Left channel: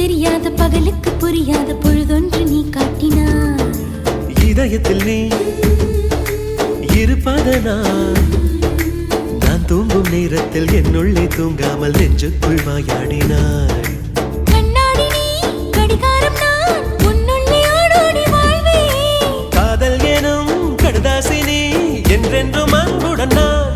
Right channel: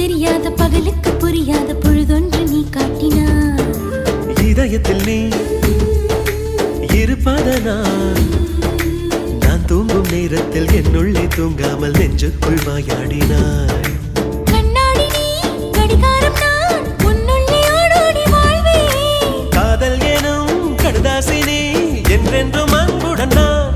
தெரியாத பகலுக்கு புரியாத பொழுதொன்று நீ காட்டினாய். இதயத்தில் நீ இருப்பதனால் நான் தூங்கும் நேரத்தில் என்னுள்ளே தூங்காமல் நெஞ்சுக்குள் வாயாடினாய். கண்ணாடி நீ கடிகாரம் நான் உன்னுள்ளே ஓடோடி வாழ்வே. காதல் எனும் கடுதாசி நீ என்றென்றும் அன்புடன் நான்